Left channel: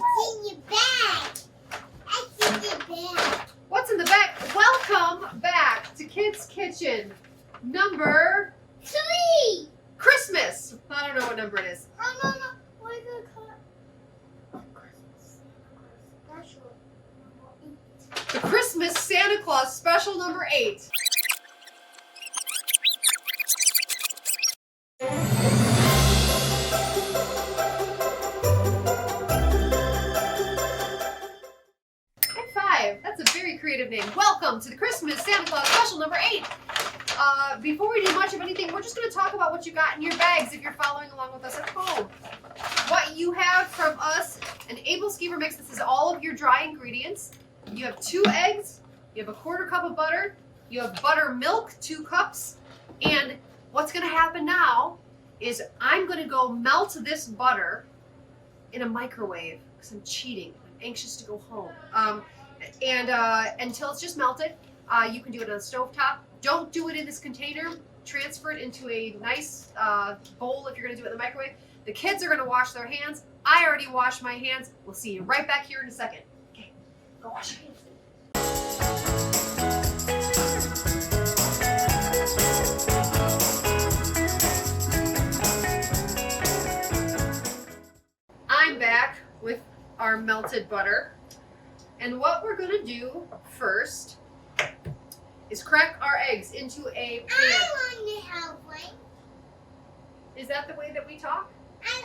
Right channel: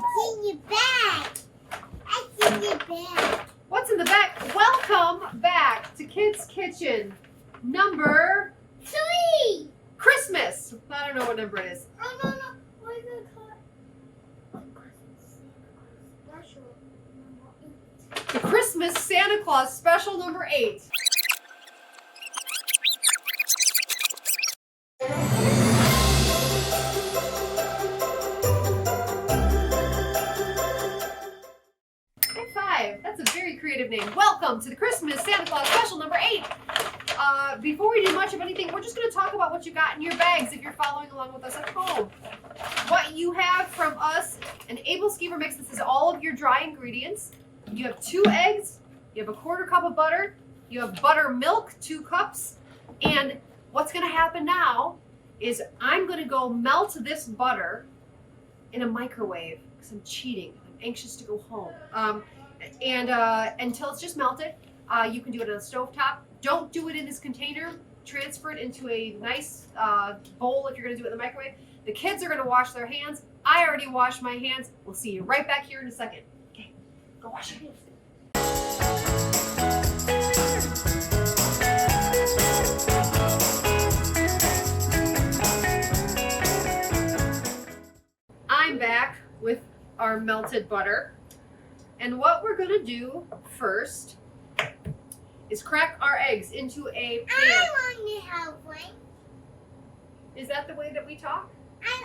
in your bag. What's in your bag? What's in the bag? Welcome back to Kids Kitchen number 3. Christmas. I don't know what number it is. Oh, no. We're going to call it special number 8. The Christmas Santa Claus special number 8. That's a very creative name. Welcome to the Christmas Santa Claus special number 8. Before we do much of anything, we're just going to talk about what you got in your bags if you're following along with us at home. What you have from us, an Æbleskiver mix. This is all of your dry ingredients. You have 2 eggs. You have a 1/4 cup of butter. You have buttermilk, 2 cups. And what's going to happen now is I'm going to go melt this butter in a microwave because I'm cheating. I'm anxious to go home. And until it's just melted, you can do it on a stovetop. Don't do it in this container. Transfer it into a nice bowl if you're going to do it in the microwave. The kids are going to wash their hands. I already washed my hands. We'll see you right back here in a second. Okay, go wash your hands. I'm back with our melted butter. And what we're going to do first is crack our eggs into a pan. I want to help, right? Is that the way that we talk? I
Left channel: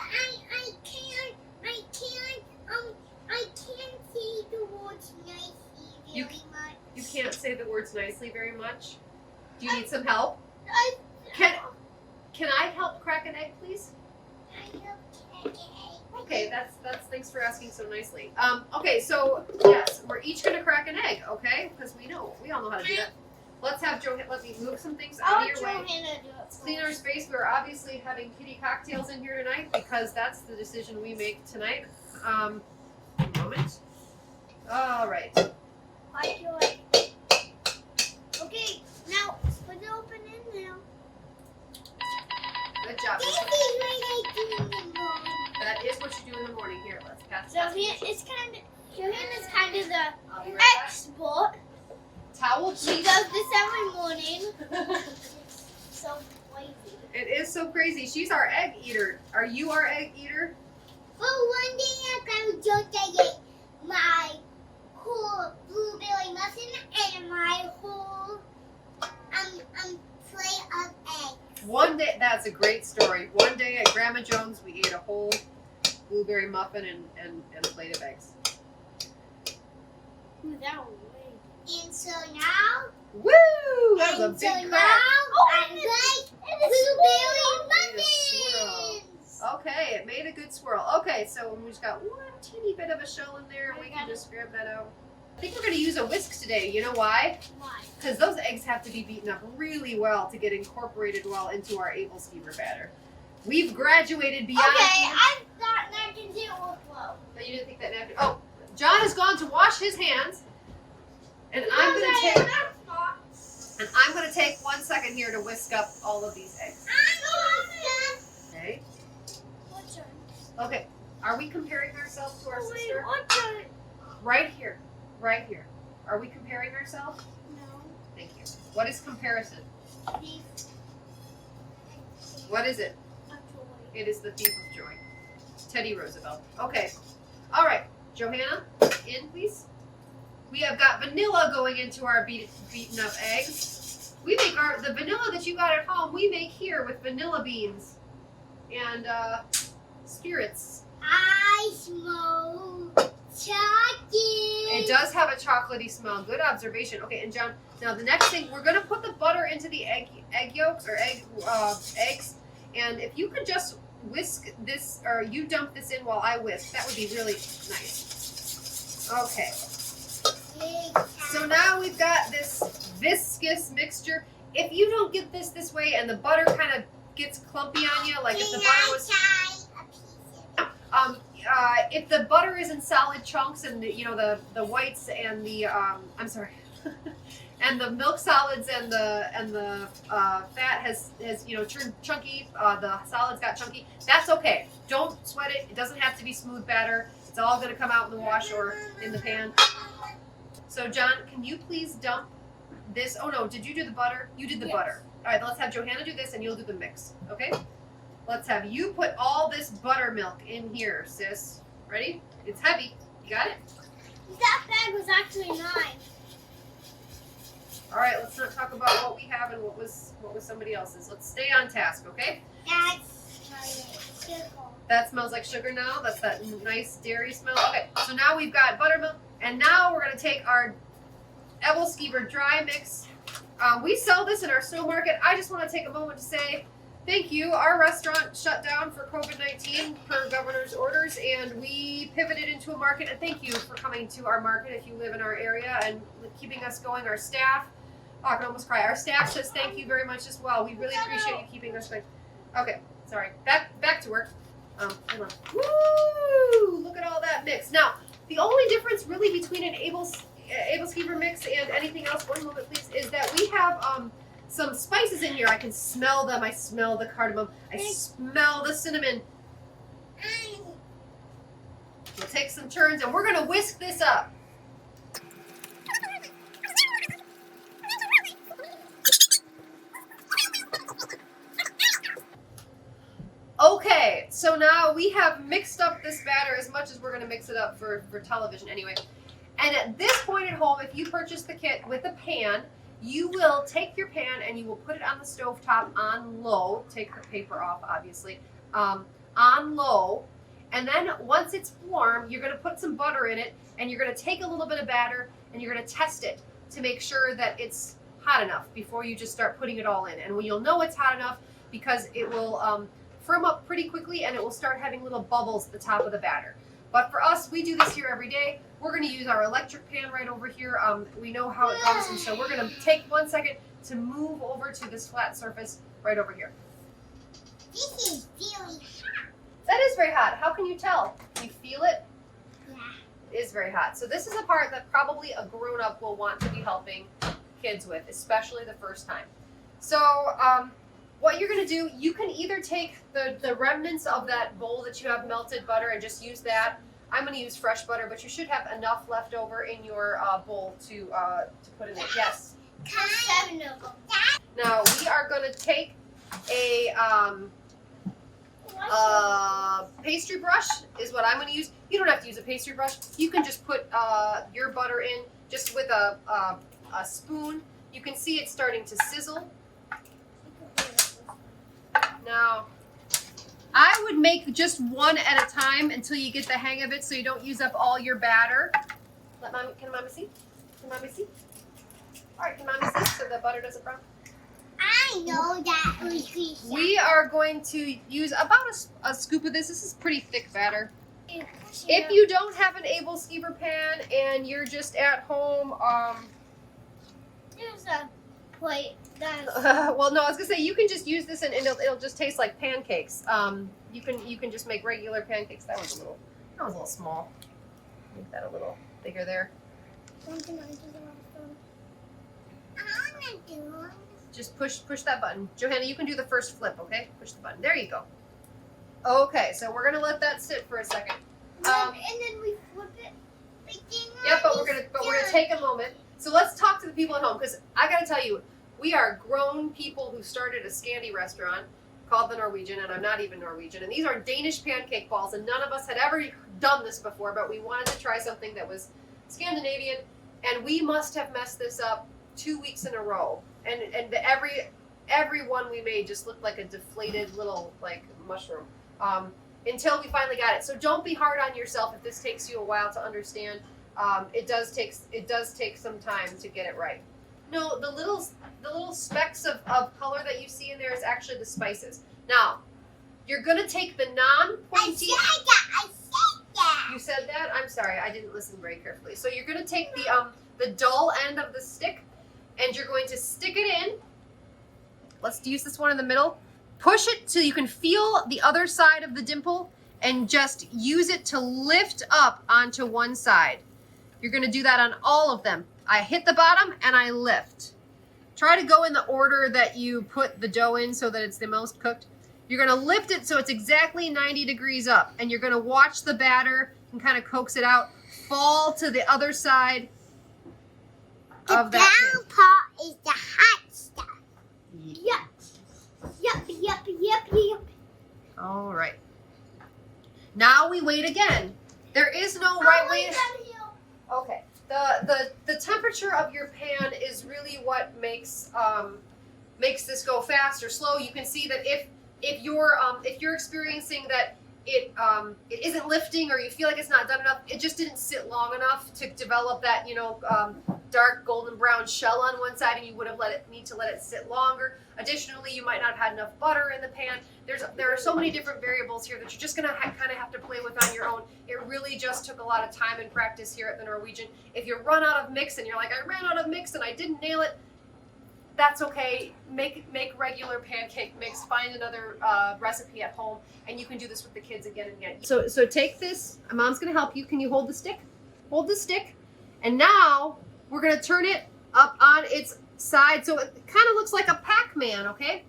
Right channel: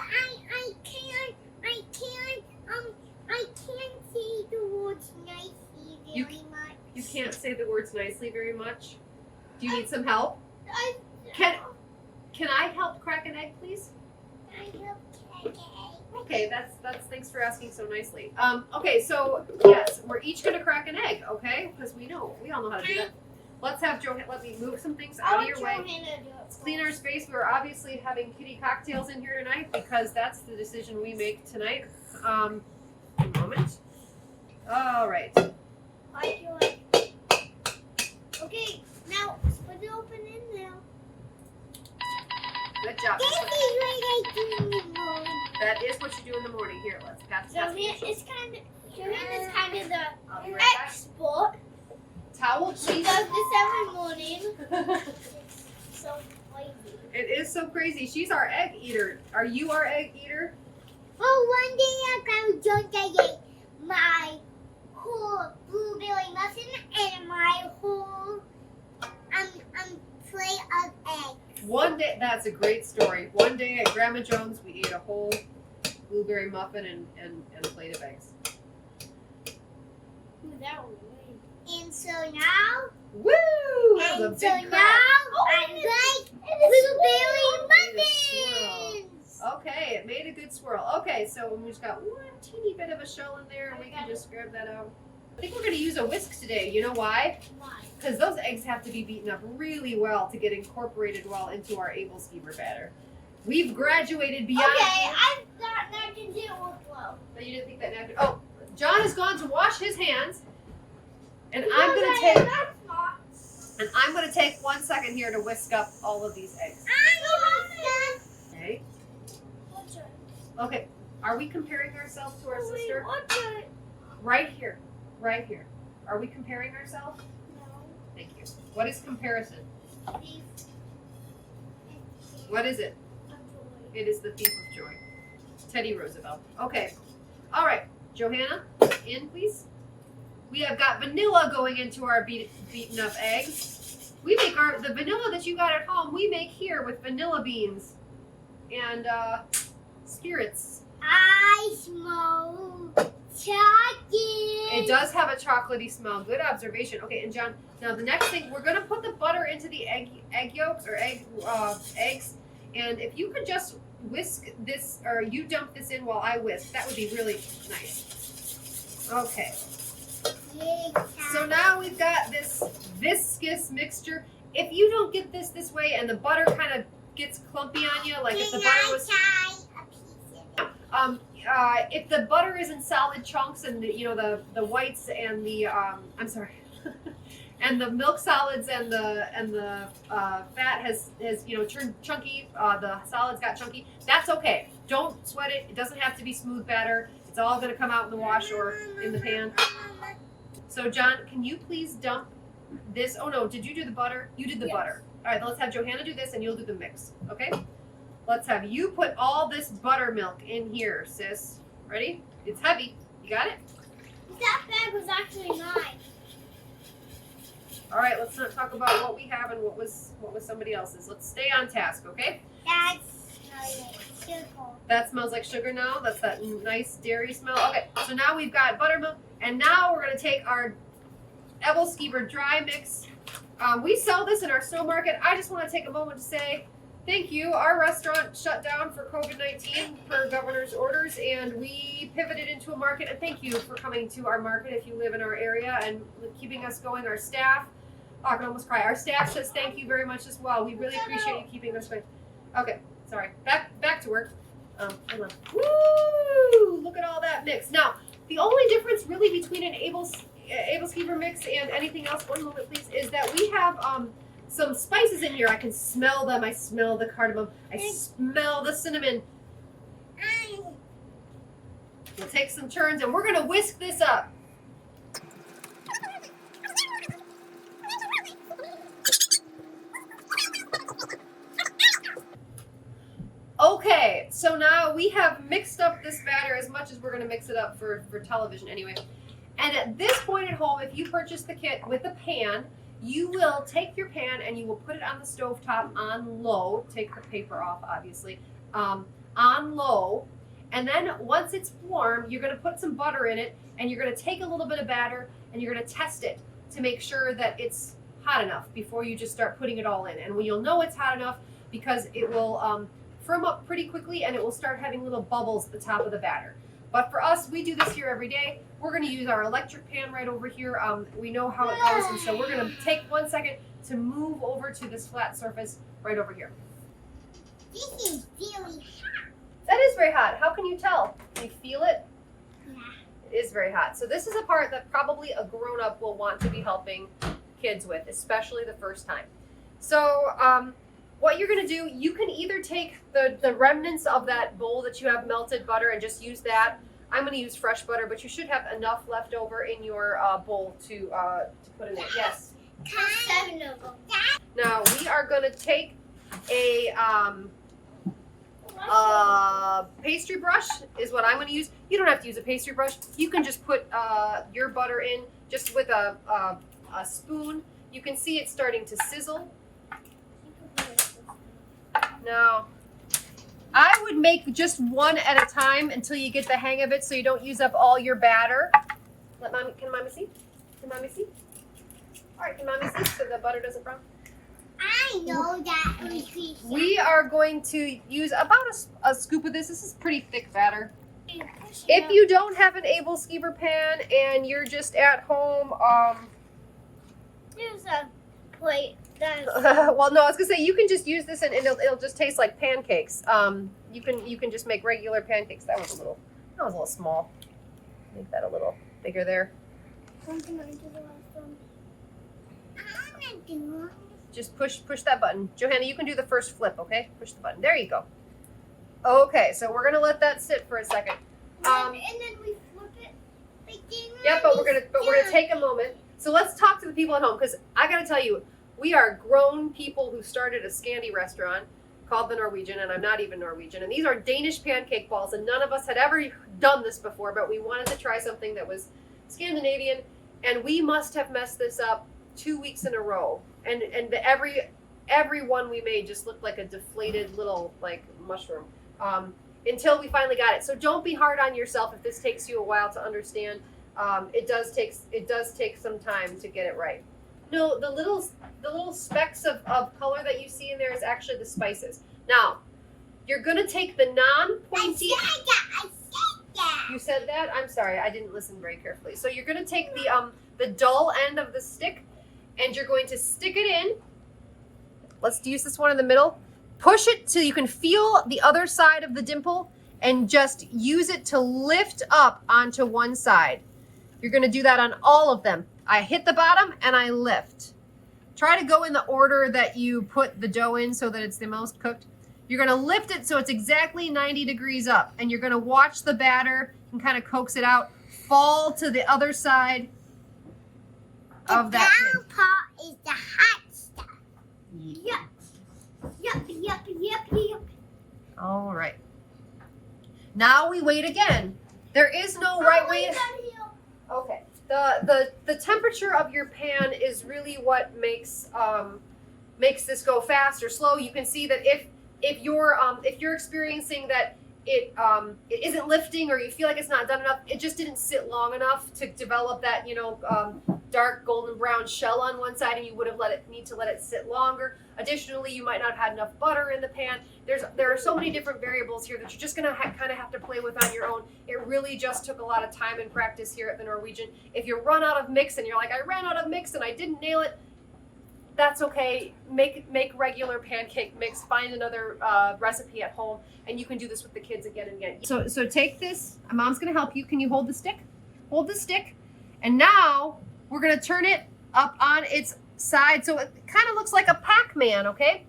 can't say the words nicely very much. You can't say the words nicely very much? Do you need some help? Can I help crack an egg, please? I help crack egg. Okay, that's thanks for asking so nicely. Okay, so yes, we're each gonna crack an egg, okay? Because we all know how to do that. Let's have Johanna. Let me move some things out of your way. Let's clean our space. We're obviously having kitty cocktails in here tonight because that's the decision we make tonight. A moment. All right. Okay, now put it open in there. Good job. This is what I do in the morning. That is what you do in the morning. Here, let's pass So this. it's kind of the Right expert. Towel, She please. does this every morning. So lazy. It is so crazy. She's our egg eater. Are you our egg eater? Oh, one day I ate my whole blueberry muffin and my whole plate of eggs. One day, that's a great story. One day at Grandma Jones, we ate a whole blueberry muffin and a plate of eggs. Ooh, that was weird. And so now, Woo! That was a big crack. I like blueberry muffins. Okay, it made a good swirl. Okay, so we just got one teeny bit of a shell in there, and we can just grab that out. I think we're going to use a whisk today. You know why? Why? Because those eggs have to be beaten up really well to get incorporated well into our Æbleskiver batter. We've graduated beyond... Okay, I thought napkins didn't work well. No, you didn't think that napkin... Oh, John has gone to wash his hands. And I'm going to take 1 second here to whisk up all of these eggs. Okay. Okay. Are we comparing ourselves to our sister? Right here. Right here. Are we comparing ourselves? No. Thank you. What is comparison? What is it? It is the thief of joy. Teddy Roosevelt. Okay. All right. Johanna, in please. We have got vanilla going into our beaten up eggs. We make the vanilla that you got at home, we make here with vanilla beans and spirits. I smell chocolate. It does have a chocolatey smell. Good observation. Okay, and John, now the next thing, we're going to put the butter into the egg yolks or eggs. And if you could just whisk this, or you dump this in while I whisk, that would be really nice. Okay. So now we've got this viscous mixture. If you don't get this way and the butter kind of gets clumpy on you, like if the butter was... if the butter is in solid chunks and the whites and the I'm sorry, and the milk solids and the fat has turned chunky, the solids got chunky, that's okay. Don't sweat it. It doesn't have to be smooth batter. It's all going to come out in the wash or in the pan. So John, can you please dump this? Oh no, did you do the butter? You did the butter. All right, let's have Johanna do this and you'll do the mix, okay? Let's have you put all this buttermilk in here, sis. Ready? It's heavy. You got it? That bag was actually mine. All right, let's not talk about what we have and what was somebody else's. Let's stay on task, okay? That's sugar. That smells like sugar now. That's that nice dairy smell. Okay, so now we've got buttermilk, and now we're gonna take our Æbleskiver dry mix. We sell this in our snow market. I just want to take a moment to say thank you. Our restaurant shut down for COVID-19 per governor's orders, and we pivoted into a market. And thank you for coming to our market if you live in our area and keeping us going. Our staff, oh, I can almost cry. Our staff says thank you very much as well. We really appreciate you keeping us going. Okay, sorry. Back to work. Hold on. Woo! Look at all that mix. Now, the only difference really between an Æbleskiver mix and anything else, one moment please, is that we have some spices in here. I can smell them. I smell the cardamom. I smell the cinnamon. We'll take some turns and we're going to whisk this up. Okay, so now we have mixed up this batter as much as we're going to mix it up for television anyway. And at this point at home, if you purchase the kit with a pan, you will take your pan and you will put it on the stovetop on low. Take the paper off, obviously, on low. And then once it's warm, you're going to put some butter in it and you're going to take a little bit of batter and you're going to test it to make sure that it's hot enough before you just start putting it all in. And you'll know it's hot enough because it will firm up pretty quickly and it will start having little bubbles at the top of the batter. But for us, we do this here every day. We're going to use our electric pan right over here. We know how it goes, and so we're going to take 1 second to move over to this flat surface right over here. This is really hot. That is very hot. How can you tell? Can you feel it? Yeah. It is very hot. So this is a part that probably a grown-up will want to be helping kids with, especially the first time. So what you're going to do, you can either take the remnants of that bowl that you have melted butter and just use that. I'm going to use fresh butter, but you should have enough left over in your bowl to put in it. Yes. 7 of them. Now we are going to take a pastry brush is what I'm going to use. You don't have to use a pastry brush. You can just put your butter in just with a spoon. You can see it starting to sizzle. Now, I would make just one at a time until you get the hang of it so you don't use up all your batter. Can Mommy see? Can Mommy see? All right, can Mommy see so the butter doesn't brown? I know that. We are going to use about a scoop of this. This is pretty thick batter. If you don't have an Æbleskiver pan and you're just at home, There's a plate. well, no, I was gonna say you can just use this and it'll just taste like pancakes. You can just make regular pancakes. That was a little small. Make that a little bigger there. Just push that button. Johanna, you can do the first flip, okay? Push the button. There you go. Okay, so we're gonna let that sit for a second. And then we flip it. Yep, but we're gonna take a moment. So let's talk to the people at home because I gotta tell you, we are grown people who started a Scandi restaurant called the Norwegian, and I'm not even Norwegian. And these are Danish pancake balls, and none of us had ever done this before, but we wanted to try something that was Scandinavian, and we must have messed this up 2 weeks in a row. And every one we made just looked like a deflated little like mushroom until we finally got it. So don't be hard on yourself if this takes you a while to understand. It does take some time to get it right. No, the little specks of color that you see in there is actually the spices. Now, you're gonna take the non-pointy. I said that. You said that? I'm sorry, I didn't listen very carefully. So you're gonna take the dull end of the stick, and you're going to stick it in. Let's use this one in the middle. Push it so you can feel the other side of the dimple, and just use it to lift up onto one side. You're gonna do that on all of them. I hit the bottom and I lift. Try to go in the order that you put the dough in so that it's the most cooked. You're gonna lift it so it's exactly 90 degrees up, and you're gonna watch the batter can kind of coax it out, fall to the other side of that brown pan. part is the hot stuff. Yep. All right. Now we wait again. There is no right way. Okay. The temperature of your pan is really what makes this go fast or slow. You can see that if you're experiencing that it isn't lifting, or you feel like it's not done enough, it just didn't sit long enough to develop that dark golden brown shell on one side, and you would have need to let it sit longer. Additionally, you might not have had enough butter in the pan. There are so many different variables here that you're just gonna kind of have to play with on your own. It really just took a lot of time and practice here at the Norwegian. If you run out of mix and you're like, I ran out of mix and I didn't nail it, that's okay. Make regular pancake mix. Find another recipe at home, and you can do this with the kids again and again. So take this. Mom's gonna help you. Can you hold the stick? Hold the stick, and now we're gonna turn it up on its side so it kind of looks like a Pac-Man. Okay,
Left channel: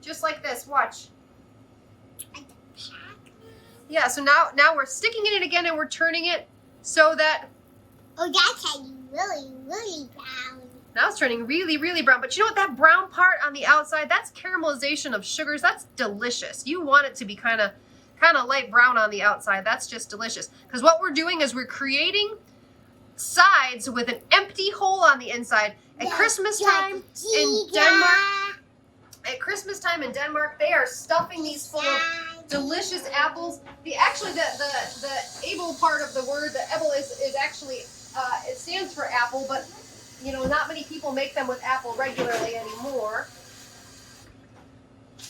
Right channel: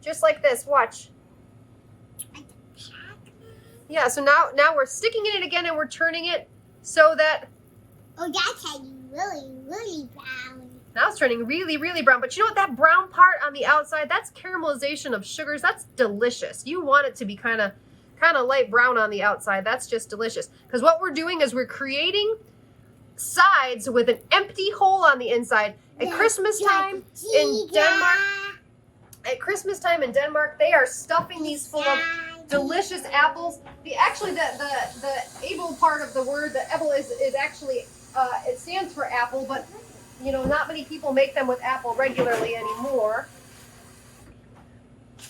just like this. Watch. Yeah. So now we're sticking in it again, and we're turning it so that. Oh, that's really brown. Now it's turning really, really brown. But you know what? That brown part on the outside, that's caramelization of sugars. That's delicious. You want it to be kind of light brown on the outside. That's just delicious. Because what we're doing is we're creating sides with an empty hole on the inside. At Christmas time in Denmark, they are stuffing these full of delicious apples. The able part of the word, the able is actually it stands for apple, but not many people make them with apple regularly anymore.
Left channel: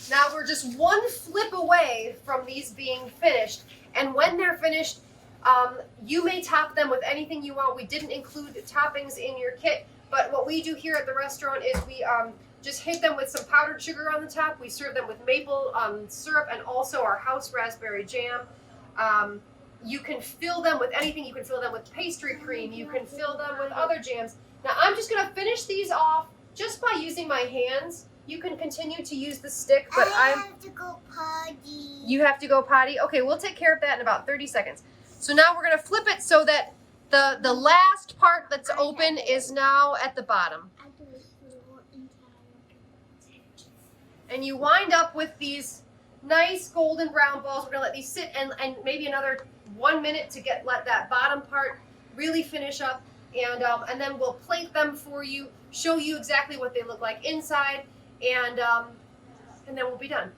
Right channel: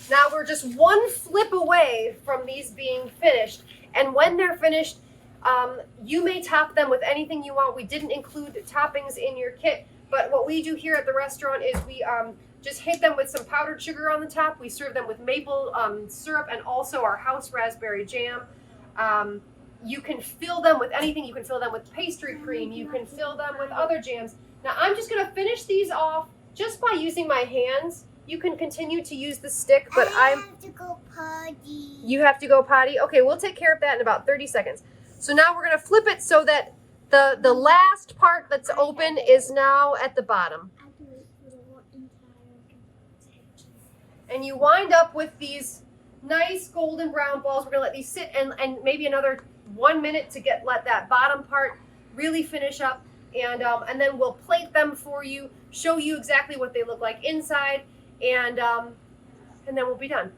Now we're just one flip away from these being finished, and when they're finished, you may top them with anything you want. We didn't include toppings in your kit, but what we do here at the restaurant is we just hit them with some powdered sugar on the top. We serve them with maple syrup and also our house raspberry jam. You can fill them with anything. You can fill them with pastry cream. You can fill them with other jams. Now I'm just going to finish these off just by using my hands. You can continue to use the stick, but I have to go potty. You have to go potty? Okay, we'll take care of that in about 30 seconds. So now we're going to flip it so that the last part that's open is now at the bottom. And you wind up with these nice golden brown balls. We're going to let these sit and maybe another 1 minute to let that bottom part really finish up. And then we'll plate them for you, show you exactly what they look like inside, and then we'll be done.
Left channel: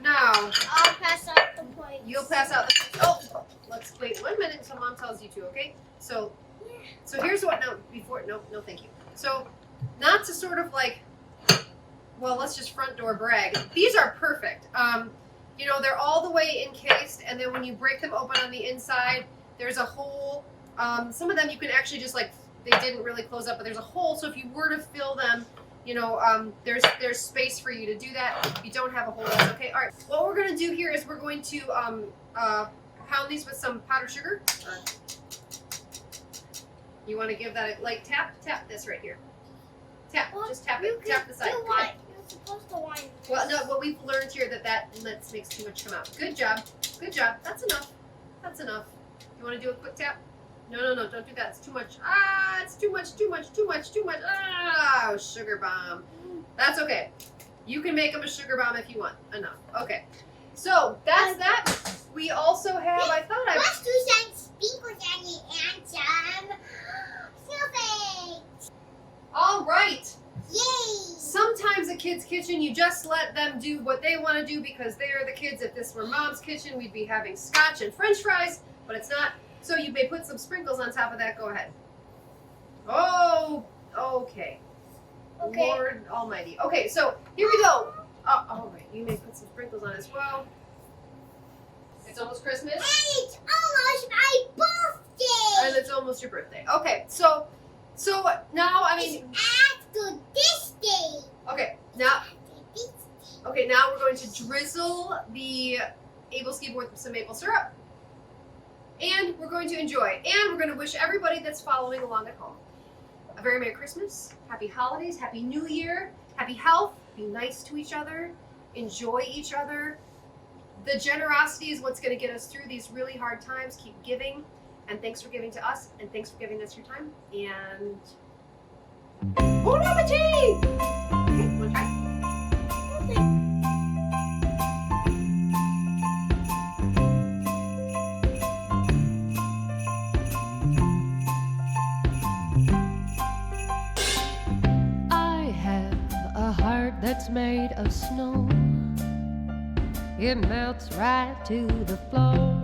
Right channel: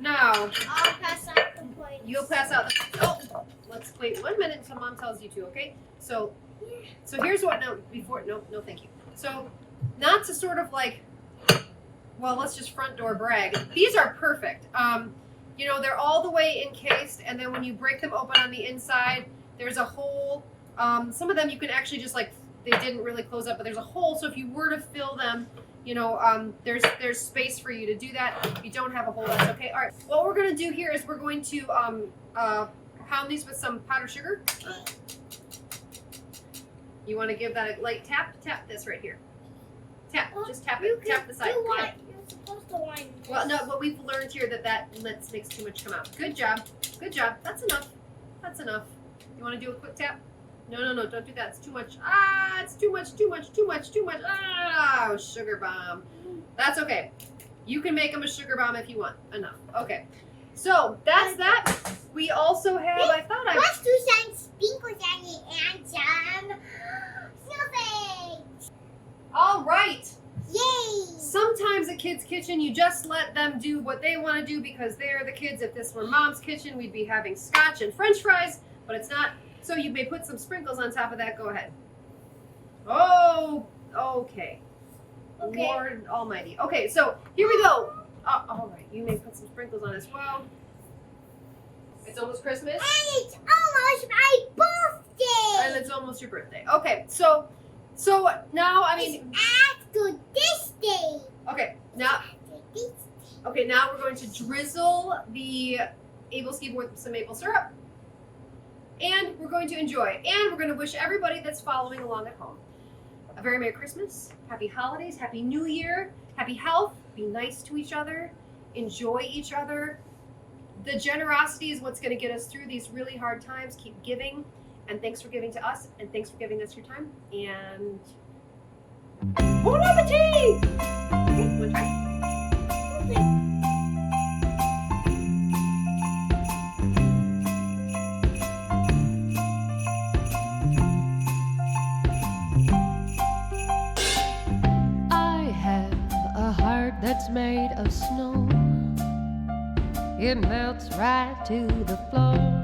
Now, I'll pass out the plates. You'll pass out the, let's wait 1 minute until Mom tells you to, okay? So here's what, no, thank you. So, not to sort of like, well, let's just front door brag. These are perfect. They're all the way encased, and then when you break them open on the inside, there's a hole. Some of them you can actually just they didn't really close up, but there's a hole. So if you were to fill them, there's space for you to do that. If you don't have a hole, that's okay. All right, what we're gonna do here is we're going to pound these with some powdered sugar. You want to give that a light tap? Tap this right here. Tap, just tap it. Tap the side. You're supposed to wind this. Well, no, what we've learned here that makes too much come out. Good job. Good job. That's enough. That's enough. You want to do a quick tap? No, don't do that. It's too much. It's too much. Sugar bomb. That's okay. You can make them a sugar bomb if you want. Enough. Okay. So, that's that. We also have, Let's do some sprinkles on it and some snowflakes. All right. Yay! Sometimes at Kids Kitchen, you just let them do what they want to do because they're the kids. If this were Mom's kitchen, we'd be having scotch and french fries, but it's not. So you may put some sprinkles on top of that. Go ahead. Oh, okay. Lord Almighty. Okay, so here we go. All right, you may put some sprinkles on as well. It's almost Christmas. And it's almost my birthday. And it's almost your birthday. Okay, so now, It's after this day. Okay, now we're going to drizzle the Æbleskiver with some maple syrup. And we're going to enjoy. And we're going to wish everybody that's following along at home a very Merry Christmas, Happy Holidays, Happy New Year, Happy Health, be nice to each other, enjoy each other. The generosity is what's going to get us through these really hard times. Keep giving. And thanks for giving to us, and thanks for giving us your time. And bon appetit! Okay, one try. I have a heart that's made of snow. It melts right to the floor.